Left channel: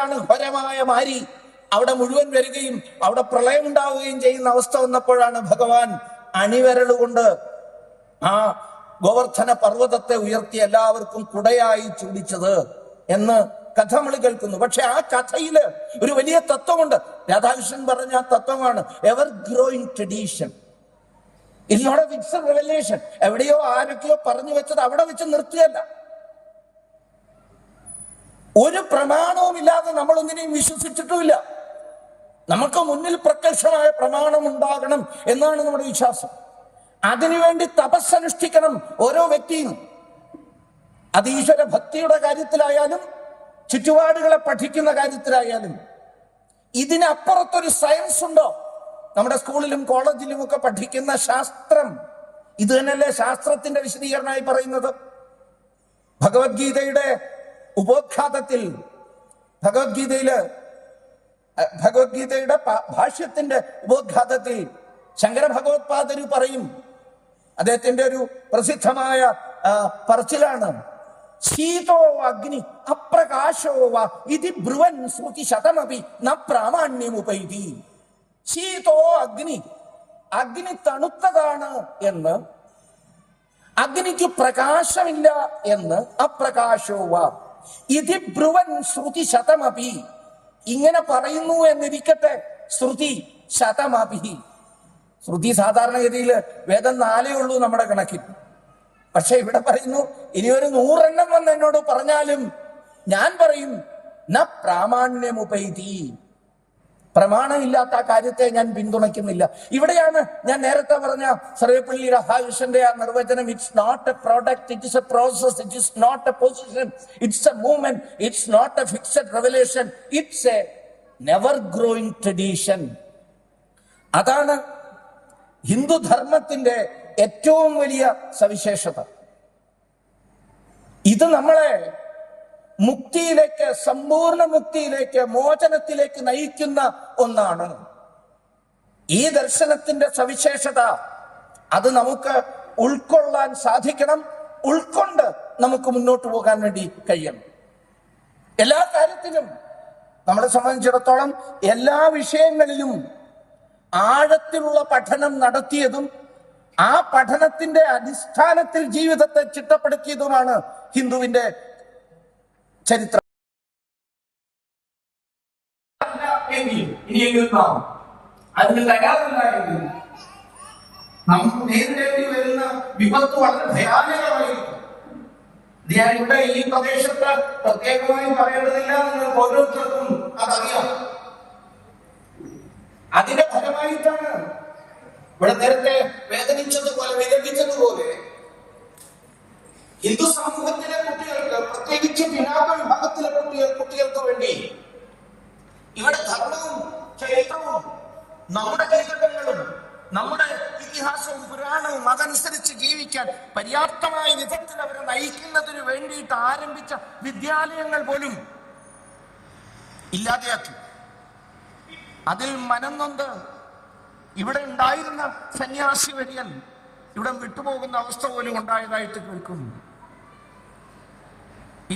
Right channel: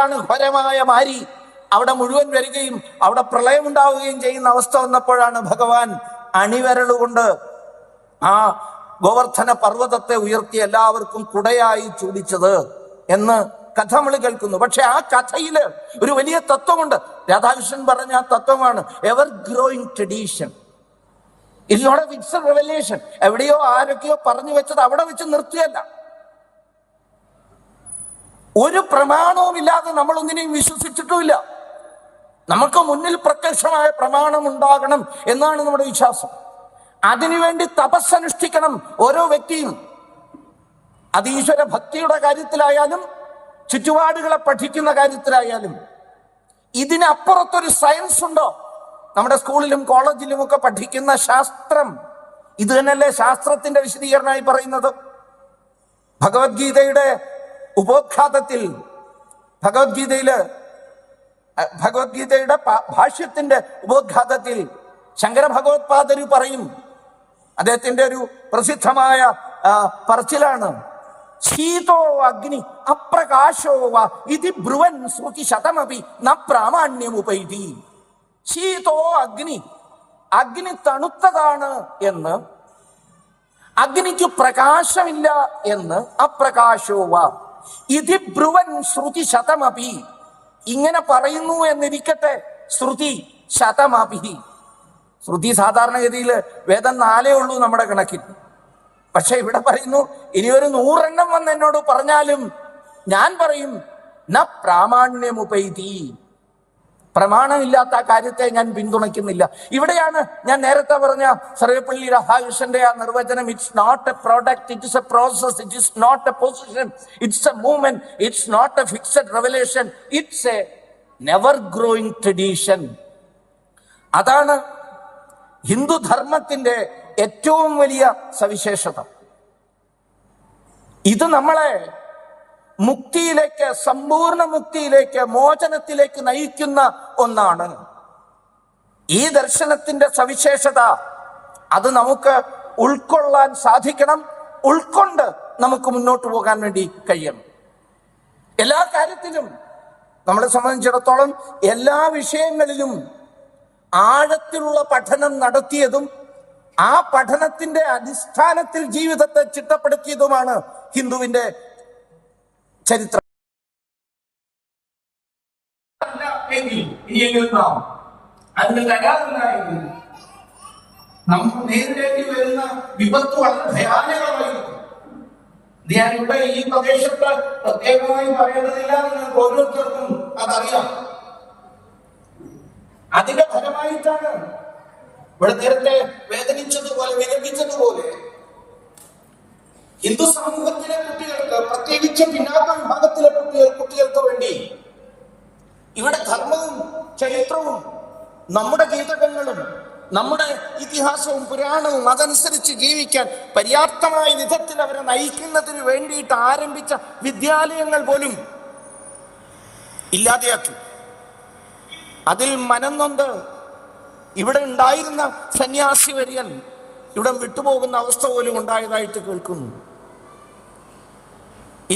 എപ്പോഴാണ് ഘോരമായ മാരി അവിടെ മുഴുവൻ വരികയും അവിടെ പ്രളയമുണ്ടാവുകയും ചെയ്യുന്ന അവസ്ഥ വന്നപ്പോഴാണ് ഭഗവാൻ അണിവരളുകൊണ്ട് ആ ഗോവർദ്ധന പർവ്വതത്തെ ഉയർത്തി എല്ലാവർക്കും കുടയായി ചൂടിച്ചത് എന്ന് കഥ നമ്മൾ കേൾക്കുന്നു. പക്ഷെ ആ കഥയില് ഒരു വലിയ തത്വമുണ്ട്. രാധാകൃഷ്ണൻ പറഞ്ഞ ആ തത്വമാണ് ever growing tradition. It's not a fixed revelation. എവിടെയോ ആരൊക്കെയോ പറഞ്ഞു വെച്ചത് അവിടെ വെച്ച് നിർത്തിയല്ല. ഒരു പ്രമാണവും ഇല്ലാതെ നമ്മൾ ഒന്നിനെയും വിശ്വസിച്ചിട്ടുമില്ല. നമുക്ക് മുന്നിൽ പ്രത്യക്ഷമായ പ്രമാണം ഉണ്ടാകണം എന്നാണ് നമ്മുടെ വിശ്വാസം. അതിനുവേണ്ടി തപസ്സനുഷ്ഠിക്കണം ഓരോ വ്യക്തിയും. അത് ഈശ്വര ഭക്തിയുടെ കാര്യത്തിലായാലും ചുറ്റുപാടുകളെ പഠിക്കുന്ന കാര്യത്തിലായാലും. ഇതിനപ്പുറത്തൊരു സയൻസ് ഉണ്ടോ? നമ്മുടെ സ്കൂളിലും കോളേജിലും ഒക്കെ പഠിക്കുന്ന ശാസ്ത്രം ഇത് തന്നെയല്ലേ ശാസ്ത്രത്തിന്റെ വിശദീകരണമായി പറയുന്നത്? ഭഗവത്ഗീതയുടെ ഉപോദ്ഘാതത്തിൽ ഭഗവത്ഗീതയുടെ ഭാഷ്യത്തിന്റെ ഉപോദ്ഘാതത്തിൽ ശങ്കര ഭഗവത്പാദര് പറയും, അദ്ദേഹത്തിന്റെ ഒരു പ്രസിദ്ധമായ പറച്ചിലാണ്, ശീതോ അഗ്നി അപ്രകാശോ വ ഇതി ബ്രുവൻ ശ്രുതി ശതമപി ന പ്രാമാണ്യമുപൈതി. ശീതോ അഗ്നി, അഗ്നി തണുത്തതാണ് എന്ന്, അഗ്നിക്ക് പ്രകാശമില്ല എന്ന്, അപ്രകാശോ വ ഇതി ബ്രുവൻ ശ്രുതി ശതമപി, ഇങ്ങനെ പറയുന്നു എന്നിരിക്കട്ടെ, ശ്രുതി ശതമപി. ശ്രുതി സാധാരണഗതിയിൽ വേദം 4 ഉള്ളൂ നമ്മുടെ കണക്കിൽ. പക്ഷെ ഇവിടെ പറയുന്നു ഇനി ഒരു 100 എണ്ണം വന്ന് എന്നോട് പറഞ്ഞാലും ഞാൻ പറയും ന പ്രാമാണ്യമുപൈതി, പ്രമാണമില്ലാത്ത ആ കാര്യത്തെ ഞാൻ പിന്തുണയ്ക്കുന്നില്ല. ഇവിടെയാണ് ഞാൻ നേരത്തെ പറഞ്ഞ സർവേപ്പള്ളി രാധാകൃഷ്ണന്റെ ആ നിർവചനം. It's not a product, it is a process, it is not a position, it's a movement, it's not a fixed revelation, it's a never growing tradition. അതാണ് ഹിന്ദുധർമ്മത്തിന്റെ ഏറ്റവും വലിയ സവിശേഷത. ഇത് നമ്മളെ മുക്തിയിലേക്ക്, സമ്പൂർണ്ണ മുക്തിയിലേക്ക്, മോചനത്തിലേക്ക് നയിക്കുന്ന ഒന്നാണ്. ഈ ദർശനത്തിന്റെ സവിശേഷത അത് നമുക്ക് ഉൾക്കൊള്ളാൻ സാധിക്കണം. ഉൾക്കൊണ്ട് നമുക്ക് മുന്നോട്ട് പോകാൻ വേണ്ടി കഴിയണം. എല്ലാ കാര്യത്തിലും നമ്മളെ സംബന്ധിച്ചിടത്തോളം എല്ലാ വിഷയങ്ങളിലും ആഴത്തിലുള്ള പഠനം നടത്തിയതും ആ പഠനത്തിന്റെ അടിസ്ഥാനത്തിൽ ജീവിതത്തെ ചിട്ടപ്പെടുത്തിയതുമാണ് ഹിന്ദുവിന്റെ ചരിത്രം. അതിന് തയ്യാറില്ലായെങ്കിൽ നമുക്ക് നേരിടേണ്ടി വരുന്ന വിപത്ത് വളരെ ഭയാനകമായിരിക്കും. ഞാൻ ഇവിടെ ഈ പ്രദേശത്ത് പ്രത്യേകമായി പറയേണ്ടതില്ല, നിങ്ങൾക്ക് ഓരോരുത്തർക്കും അതറിയാം. അതിന്റെ ഫലമായിട്ടാണ് ഇവിടെ നേരത്തെ വേദനിച്ചതുപോലെ വിലപിച്ചതുപോലെ ഹിന്ദു സമൂഹത്തിലെ കുട്ടികൾക്ക്, പ്രത്യേകിച്ച് പിന്നാക്ക വിഭാഗത്തിലെ കുട്ടികൾക്ക് വേണ്ടി ഇവിടെ ധർമ്മവും ചരിത്രവും നമ്മുടെ ഗീതകങ്ങളും നമ്മുടെ ഇതിഹാസവും പുരാണവും അതനുസരിച്ച് ജീവിക്കാൻ പര്യാപ്തമായ വിധത്തിൽ അവരെ നയിക്കുന്നതിന് വേണ്ടിയിട്ട് ആരംഭിച്ച വിദ്യാലയങ്ങൾ പോലും ഇല്ലാതെയാക്കി. അതിൽ മനംനൊന്ത് ഇവിടെ ഉണ്ടായിരുന്ന സന്യാസി വര്യൻ ഇവിടം വിട്ടുപോകുന്ന അവസ്ഥ പോലും ഉണ്ടായതായിട്ട് കേൾക്കുന്നു.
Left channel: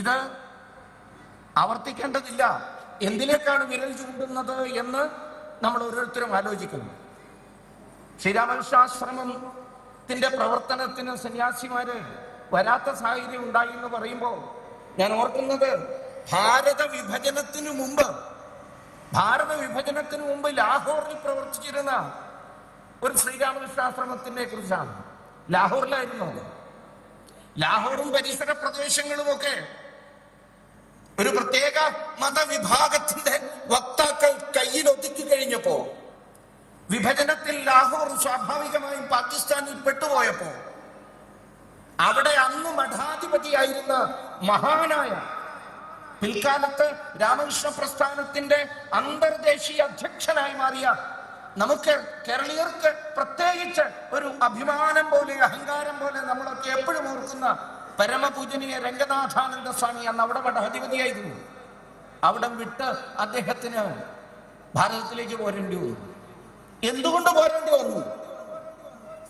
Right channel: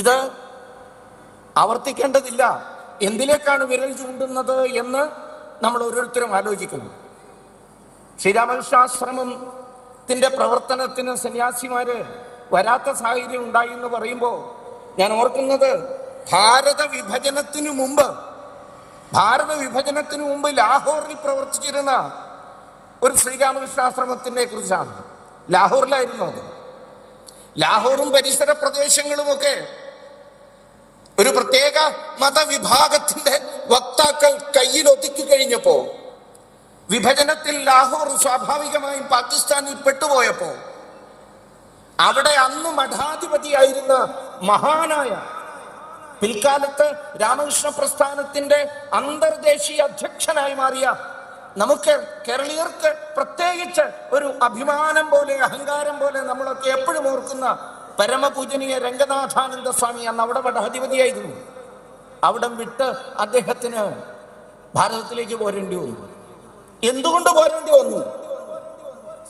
ഇത് ആവർത്തിക്കേണ്ടതില്ല. എന്തിലേക്കാണ് വിരൽ ചൂണ്ടുന്നത് എന്ന് നമ്മൾ ഓരോരുത്തരും ആലോചിക്കുന്നു. ശ്രീരാമകൃഷ്ണാശ്രമത്തിന്റെ പ്രവർത്തനത്തിന് സന്യാസിമാര് വരാത്ത സാഹചര്യം ഉണ്ടായി എന്ന് പറയുമ്പോൾ ഞാൻ ഓർക്കുന്നത് ഭാരത വിഭജനത്തിനു മുമ്പ് ലാഹോറിൽ പ്രവർത്തിച്ചിരുന്ന ഒരു ശ്രീരാമകൃഷ്ണാശ്രമത്തിനെ കുറിച്ചാണ്. ലാഹോറിലായിരുന്നു അത്. ലാഹോറും പരിസര പ്രദേശങ്ങളുമൊക്കെ ഒരു പ്രത്യേക മതവിഭാഗത്തിന്റെ വക്താക്കൾ കയ്യിൽ ഒതുക്കി കഴിഞ്ഞപ്പോ, വിഭജനത്തിൽ ലാഹോർ സ്വാഭാവികമായും പാകിസ്ഥാനിൽ പെട്ടുപോയപ്പോ, അവിടെ അന്ന് മഠാധിപതിയായിരുന്ന മഹാനായ, പിൽക്കാലത്ത് രാമകൃഷ്ണ പ്രസ്ഥാനത്തിന്റെ അന്തർദേശീയ അധ്യക്ഷനായി മാറിയ, നമുക്ക് കേരളീയർക്ക് പ്രത്യേകിച്ച് ഒരു അഭിമാനം പോലെ, അഹങ്കാരം പോലെ നമ്മളൊക്കെ എപ്പോഴും ഓർക്കുന്ന പരമപൂജനീയ രംഗനാഥാനന്ദ സ്വാമി അന്ന് അവിടെ മഠാധിപതിയായിരുന്നു. അവിടം വിട്ട് അദ്ദേഹത്തിന് ഭാരതത്തിലേക്ക് പോരേണ്ടി വന്നു. എന്തുകൊണ്ട് പോരേണ്ടി വന്നു?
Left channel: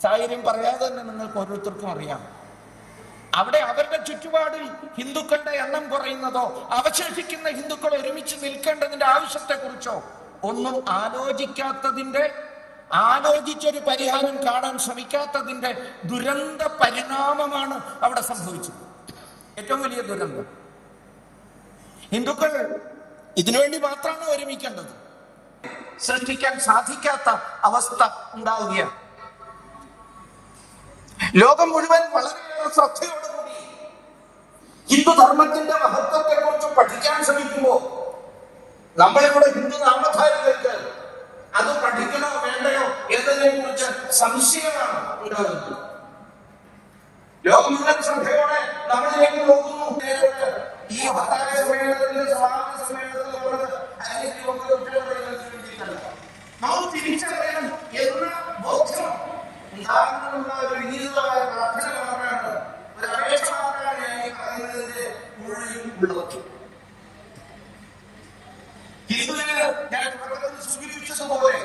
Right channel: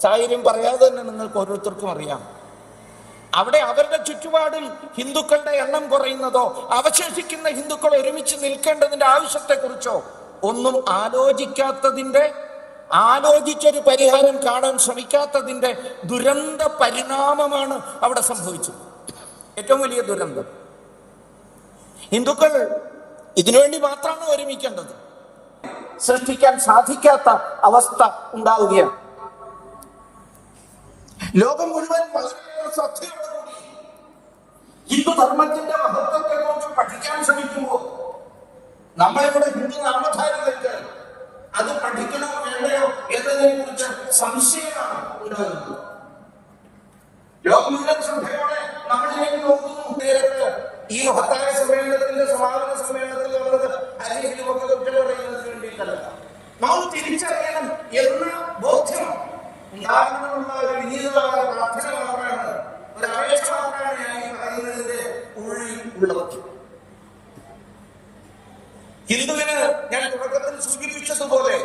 സാഹചര്യം പറയാതെ തന്നെ നിങ്ങൾക്ക് ഓരോരുത്തർക്കും അറിയാം. അവിടെ അവരുടെ ചുറ്റുപാടിൽ ഹിന്ദുക്കളുടെ എണ്ണം കുറയുന്നതോ അവശേഷിക്കുന്ന ഹിന്ദുക്കൾ ഒരുമിച്ച് നിൽക്കേണ്ടതിന്റെ ആവശ്യത്തെക്കുറിച്ചോ ഒന്നും ആലോചിച്ചൊരു പരിഹാരം കാണാൻ ശ്രമിക്കാത്തതിന്റെ ദുരന്ത പരിണാമമാണ് അവിടെ സംഭവിച്ചത്. ഏറ്റവും വലിയ ദുരന്തം. ഹിന്ദുക്കൾ ഇതിനുവേണ്ടി മാത്രമാണ് ഒരുമിക്കേണ്ടത്. സൃഷ്ടിക്കാൻ സാധിക്കാത്ത അവസ്ഥ ഉണ്ടാവുകയാണ്. ലോകം മുഴുവൻ വളരെയേറെ ശ്രദ്ധയോടുകൂടി ഹിന്ദുധർമ്മത്തിന്റെ മഹത്വത്തെ കുറിച്ച് പഠിക്കാൻ ശ്രമിക്കുമ്പോൾ നമ്മളിവിടെ ഹിന്ദു നാമധാരികൾക്ക് അത് പഠിക്കണോ വേണ്ടയോ എന്നതിനെ കുറിച്ച് സംശയമാണ് ഉണ്ടാകുന്നത്. ലോകം മുഴുവൻ ശ്രദ്ധയോടെ നമ്മളിലേക്ക് നോക്കുന്നു. നേരിട്ട് ഈ ഹത്തായ സമ്മേളനത്തിന്റെ സമാപന സമ്മേളനത്തിൽ നമ്മൾ തിരിച്ചറിയണം എന്ന ബോധ്യം ഉണ്ടാകുന്ന ഒരു വിനീതമായ പ്രാർത്ഥന മാത്രമാണ്, ഒരു അപേക്ഷ മാത്രമാണ് ഞാൻ ഈ പറയുന്നതിന്റെ ഉള്ളിൽ ഉള്ളത്. ഹിന്ദുവിന് ഞാൻ തുടക്കത്തിൽ സൂചിപ്പിച്ചതുപോലെ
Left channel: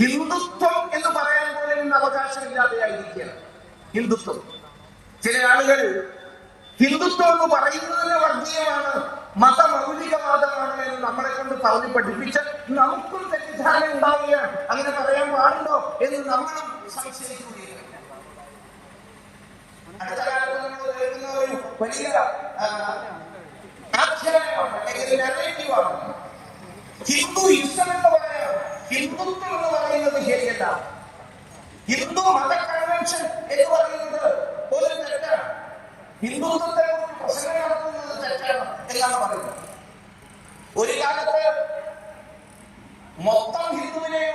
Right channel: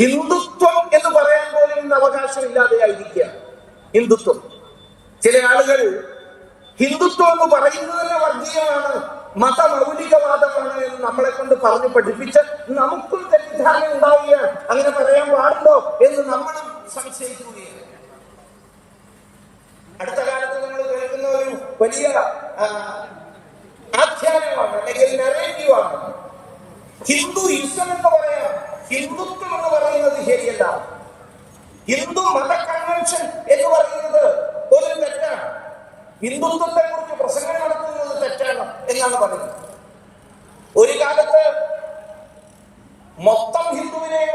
ഹിന്ദുത്വം എന്ന് പറയാൻ പോലും അവകാശം ഇല്ലാതെയായിരിക്കുക. ഹിന്ദുത്വം, ചില ആളുകൾ ഹിന്ദുത്വം എന്ന് പറയുന്നതിന് വർഗീയമാണ്, മതമൗലികവാദമാണ് എന്ന് നമ്മളെ കൊണ്ട് പറഞ്ഞു പഠിപ്പിച്ച് നമുക്കും തെറ്റിദ്ധാരണ ഉണ്ടാവുകയാണ്. അങ്ങനെ പറയാൻ പാടുണ്ടോ എന്ന് നമ്മളും സംശയിക്കുകയാണ്. അടുത്ത കാലത്ത് നമ്മൾ കേൾക്കുന്ന ഒരു വലിയ ആഖ്യാനമാണ്, അല്ലെങ്കിൽ നെറേറ്റീവാണ്. ഹിന്ദുയിസം എന്ന് പറയാം, ഹിന്ദുത്വം എന്ന് പറയുന്നത് ശരിയല്ല. ഹിന്ദു മത കൺവെൻഷൻ എന്ന് പറയുന്നത് ഒരു തെറ്റാണ്. ഹിന്ദുത്വത്തെ കുറിച്ച് പ്രസംഗം നടത്തുന്നത് തെറ്റാണ് എന്നാണ് പറയുന്നത്. ഒരു കാലത്ത് മൊത്തം ഹിന്ദുവിനെയും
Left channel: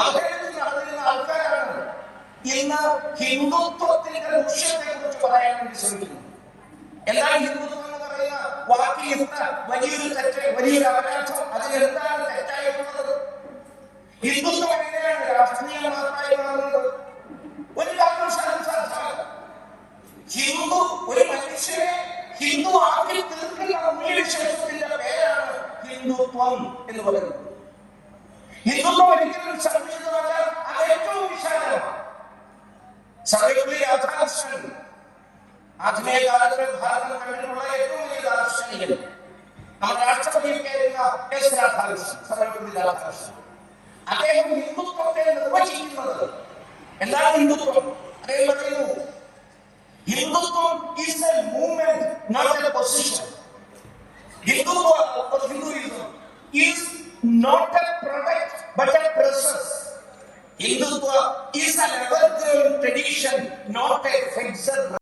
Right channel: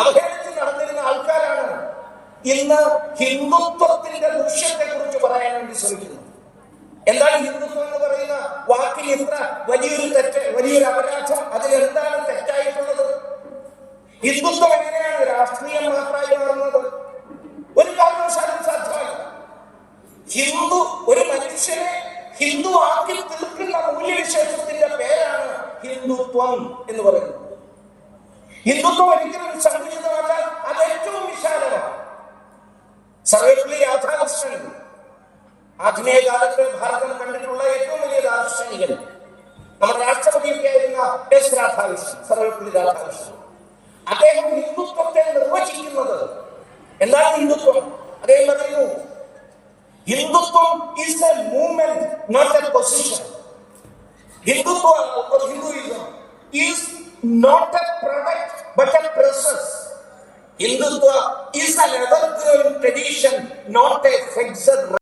അവഹേളനത്തിൽ നടന്നിരുന്ന ആൾക്കാരാണ് ഇന്ന് ഹിന്ദുത്വത്തിന്റെ ദൂഷ്യത്തെ കുറിച്ച് പറയാൻ വേണ്ടി ശ്രമിക്കുന്നത്. എന്താണ് ഹിന്ദുത്വം എന്ന് പറയുന്ന വാക്കിൽ ഇത്ര വലിയൊരു തെറ്റ്, വലിയൊരു അപരാധം, അതിലെന്താണ് തെറ്റായിട്ടുള്ളത്? ഹിന്ദുത്വം എങ്ങനെയാണ് രാഷ്ട്രീയം മാത്രമായി മാറുന്നത്? ഒരു കാരണവശാലും സാധ്യമല്ല. ഹിന്ദു ഒരു മനുഷ്യനെ ഹിന്ദു ആക്കി തീർക്കുന്ന മൂല്യവിശേഷത്തിന്റെ പേരാണ് ഹിന്ദുത്വം എന്ന് പറയുന്നത്. ഹിന്ദുത്വം ഒരിക്കലും സംഘടിതമല്ല, അത് ഏറ്റവും വിശാലമാണ്. സർവ്വപള്ളി രാധാകൃഷ്ണൻ ആധുനിക കാലത്തെ ഭാരതം കണ്ടിട്ടുള്ള ഏറ്റവും വലിയ ദാർശനികൻ, നമ്മുടെ രാഷ്ട്രപതിയായിരുന്ന എസ് രാധാകൃഷ്ണൻ, സർവ്വപള്ളി രാധാകൃഷ്ണൻ, അദ്ദേഹം ഹിന്ദുത്വത്തെ നിർവചിക്കുന്നത് എന്താണ് ഹിന്ദുത്വം? അദ്ദേഹം പറയുന്നു, ഹിന്ദുത്വം is a movement, not a position. Hindutva or Hinduism is not a product but a process. Hindutva is an evergreen tradition, not a fixed